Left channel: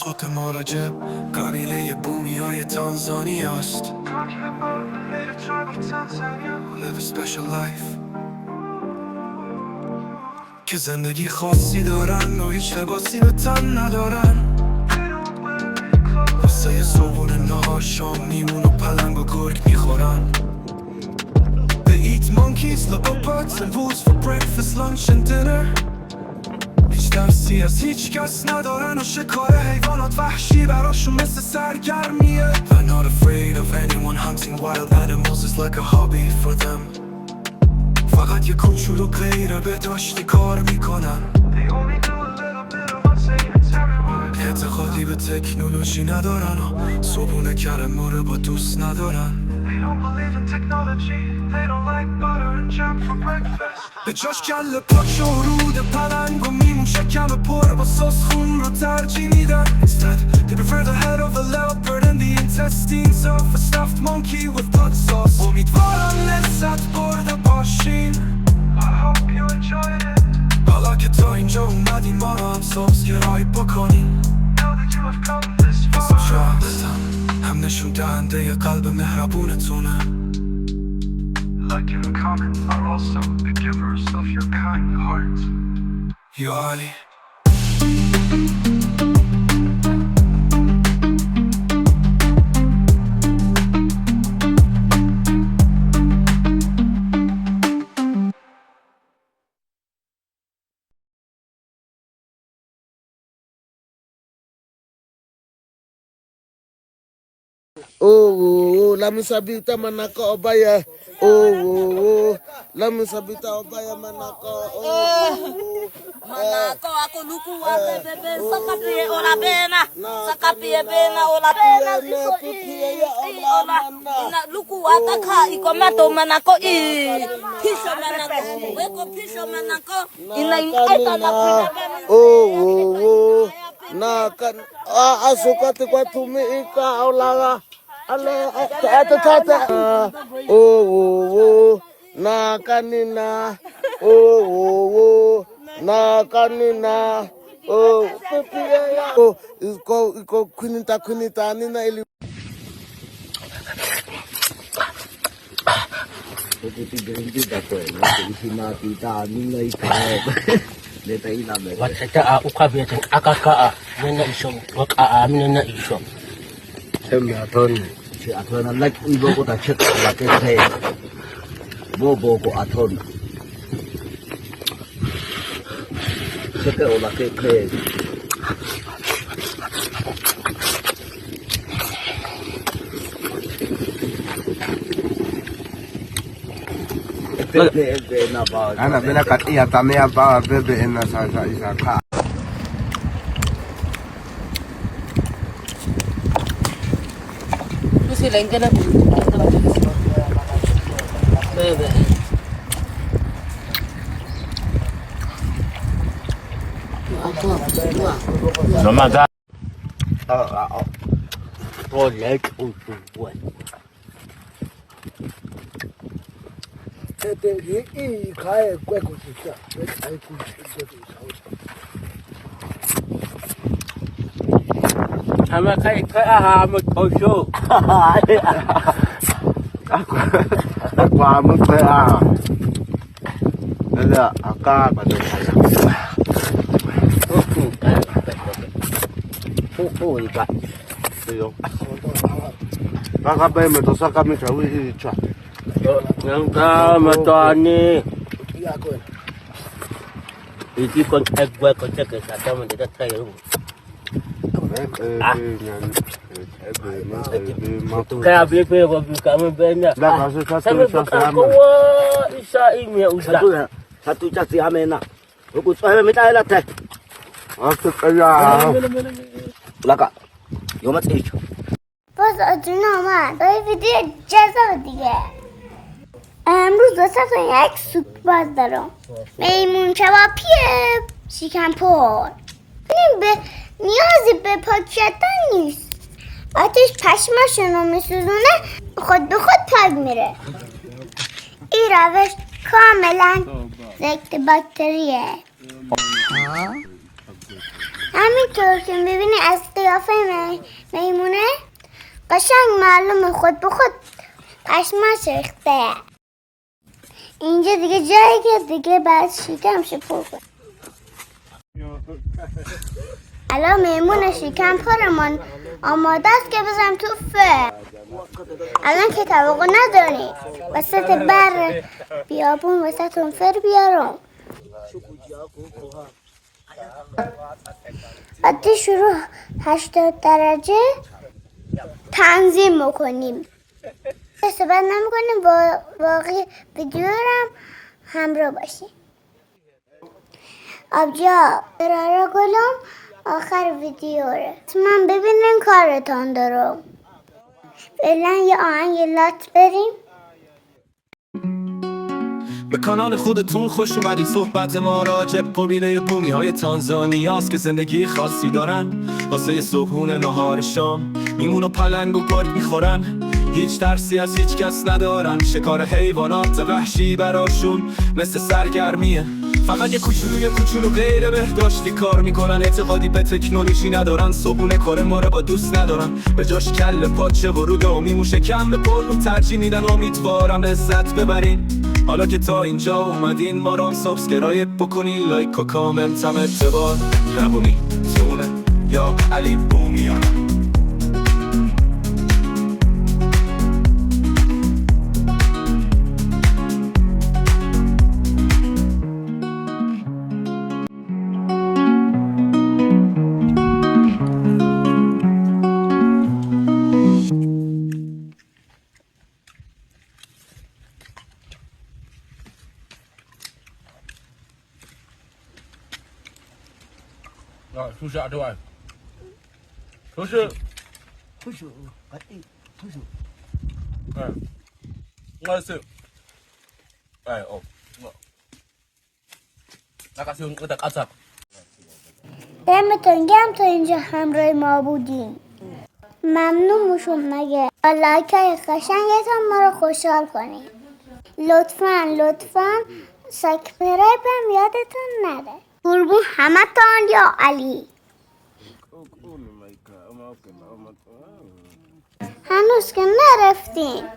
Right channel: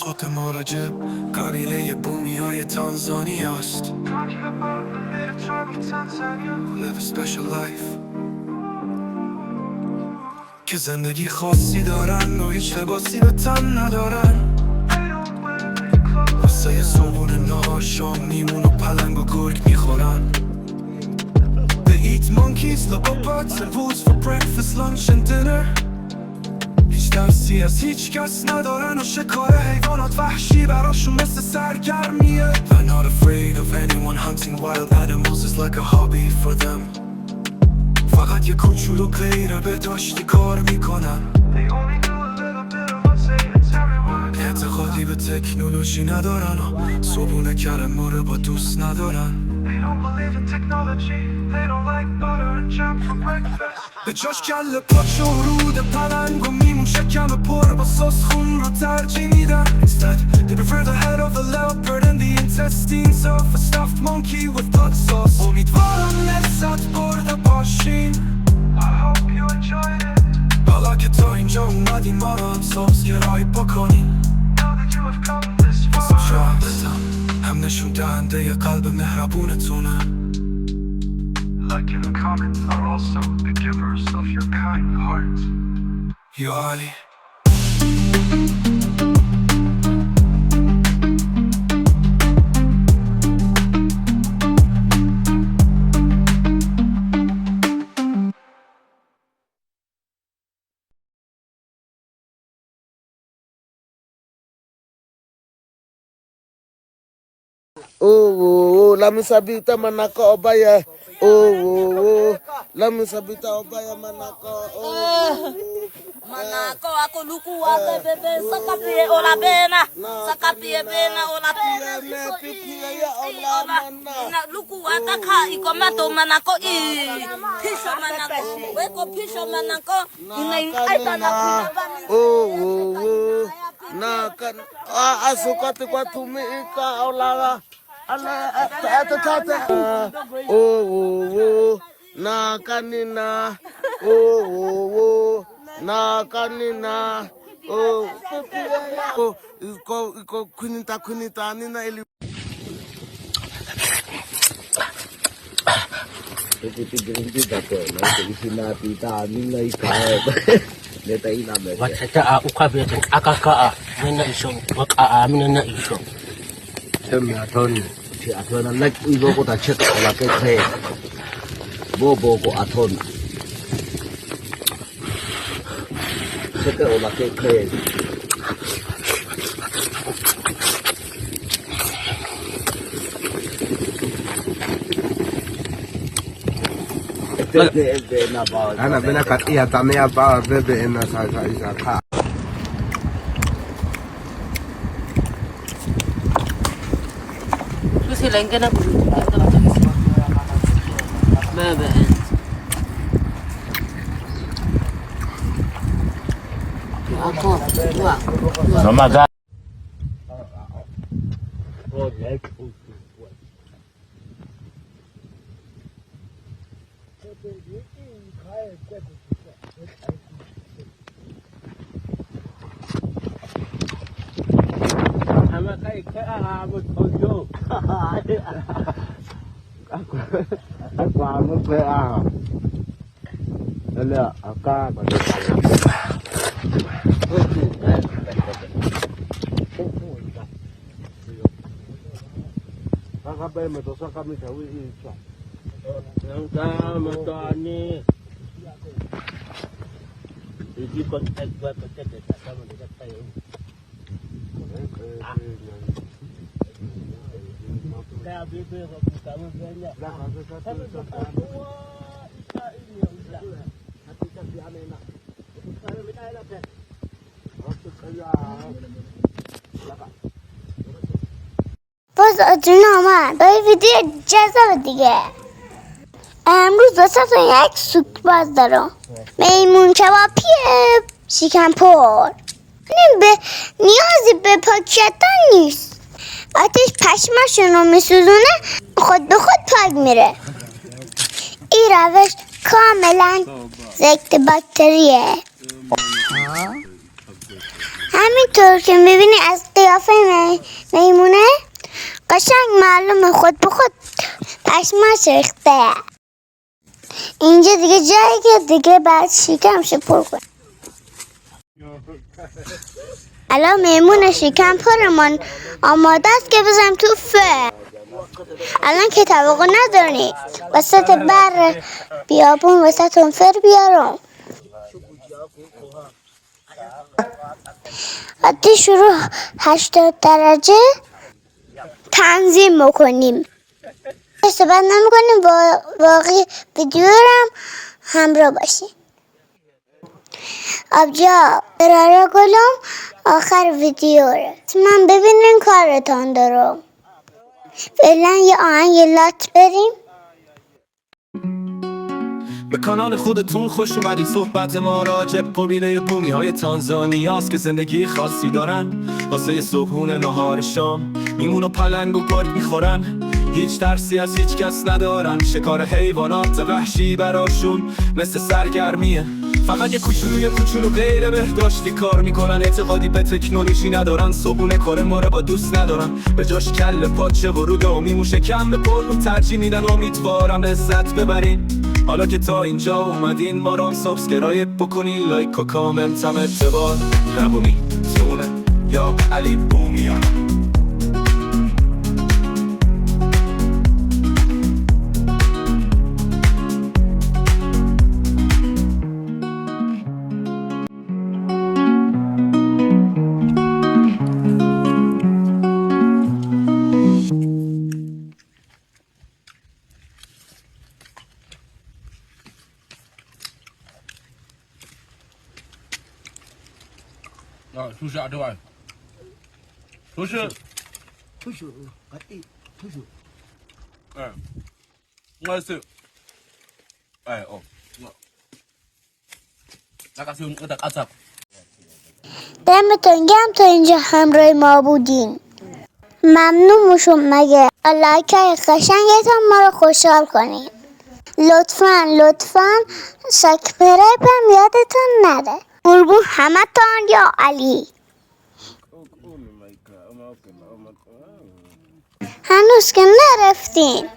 خود مراجب قبیله بومی های تانزانیا است. Live a special life که زندگی خاصی دارن و هیچ لباسی به تن ندارن. واسه صبحونه نهار شام میمون و پلنگ و گرگ میخورن. They eat monkeys, leopards and wolves for breakfast, lunch and dinner. هیچ ترسی از هیچ کس ندارن و شکار حیوانات وحشی براشون مثل سرگرمیه. They're not afraid of anyone. Hunting wild animals is like a hobby for them. فقط یه کوچولو غیره به داشتی کار میکنن. اعتقادی به تکنولوژی ندارن و صبحونه کلمه رو با دوست ندارن. به جاش کله پاچ و رود پلنگ و میمون شکم پر با سس خون رو ترجیح میدن. Instead they prefer the head of a leopard and the intestines of a stuffed monkey with blood sauce. امیدوارم لذت برده باشین. I hope you enjoyed it. حالا که تا اینجا اومدین ما رو هم سبسکرایب بکنین. Now that you have come this far. هم نشون دهنده ی قلب مهربونتونه. Like and comment are also the givers of your kind heart. یا علی. Oh, lami sabita manako obaya. Oh, lami sabita obaya manako. Manako ako luku ate bebe sakapie ola bena sakapie bena ola bena ola ina luku ata ka ikomato manako I pisho manako weko pisho manako ina ita na kuina Oh, na kan asukati kwa tumika ola. Oh, na kanina. Oh, na kanina. Oh, iko kunita nina ili. Itu berhenti tak apa, nanti kita kita nina ikan. Neta ina mereka. Waktu aku kabel akak mana isom, waktu mana isom. Semua Tony. Si aton nak ibu ko tak cek olah keke. Bobo ko aton. Cek olah keke. Anak benar kat iya tami apa bebe enak saya isaka. Silang kana bebe ako dua Namaga. Project untuk buat. Tete ini kaya kue kucing, kaya kucing. Ama kai ahamut osho. Aku amat kaya. Ada akak pada saya. Ikat. Kakak bayi metosa kami jauh ini cah. Yang sama Tony. Ini kontak buat kontak ke sana menjadi tayu. Kaya bebe kami banyak. Dah kasih Sampai satu isa ini udah. Satu casi amena. Aku saya minta elat teh. Aku kaya. Laka. Yo mat ich. باز جنامان داری ویدیو جذاب دیگه. امروز واسه تو یک سوک باز دارم. میمون کبابیه شکم پر. به نیازی به پاک کردن نیست. آتش پشماشون رو میسوزونه خود به خود پاک میره. این روش کاملا ضد باکتریه. همینطور که میبینی از قیافه میمونه قشنگ معلومه خود به خود پشماش ریخته. اینجا دیگه جایی که دیگه بعد شکمش پر کن. الان میمون شکم پرمان آماده است که بزنم تو فر. الان که توقع نداری وسط بر بیابون وسط اون فر بیارم. عادی شروع 80 درجه تنظیم میکنیم. استفاده نمیکنیم با باقی ویدیو هم همراه باشیم. آبجا براره گلم آخر ویدیو رو من ببینین کارتان دارم. فعلا یه آهنگ لات بریم. به کانال خودتون خوش اومدید. صحبت ما راجع به قبیله بومی های تانزانیاست که زندگی خاصی دارن. واسه صبحونه نهار شام میمون و پلنگ و گرگ میخورن. هیچ ترسی از هیچ کس ندارن. شکار حیوانات وحشی براشون مثل سرگرمیه. فقط یه کوچولو غیر بهداشتی کار میکنن. اعتقادی به تکنولوژی ندارن. صبحونه کار ما رو با دوست ندارن. به جاش کله پاچه و رودامی موشه کم به پلو ترجیح میدن. امیدوارم لذت ببرین. حالا که تا اینجا اومدین ما رو سابسکرایب بکنین. لایک و کامنت هم اعتبار نبونی تونه یا علی بومیان.出去啊，这玩意儿，都是，哎，我是，哎哦，我，那个是我的阿萨。دمتون گرم تا اینجا همراه ما بودین. ممنون میشم مگه لایکای قشنگتون ما رو خوشحال کنین. لطفاً سابسکرایب هم یادتون نره. قربون همتون یا علی. هنوز که نرفتین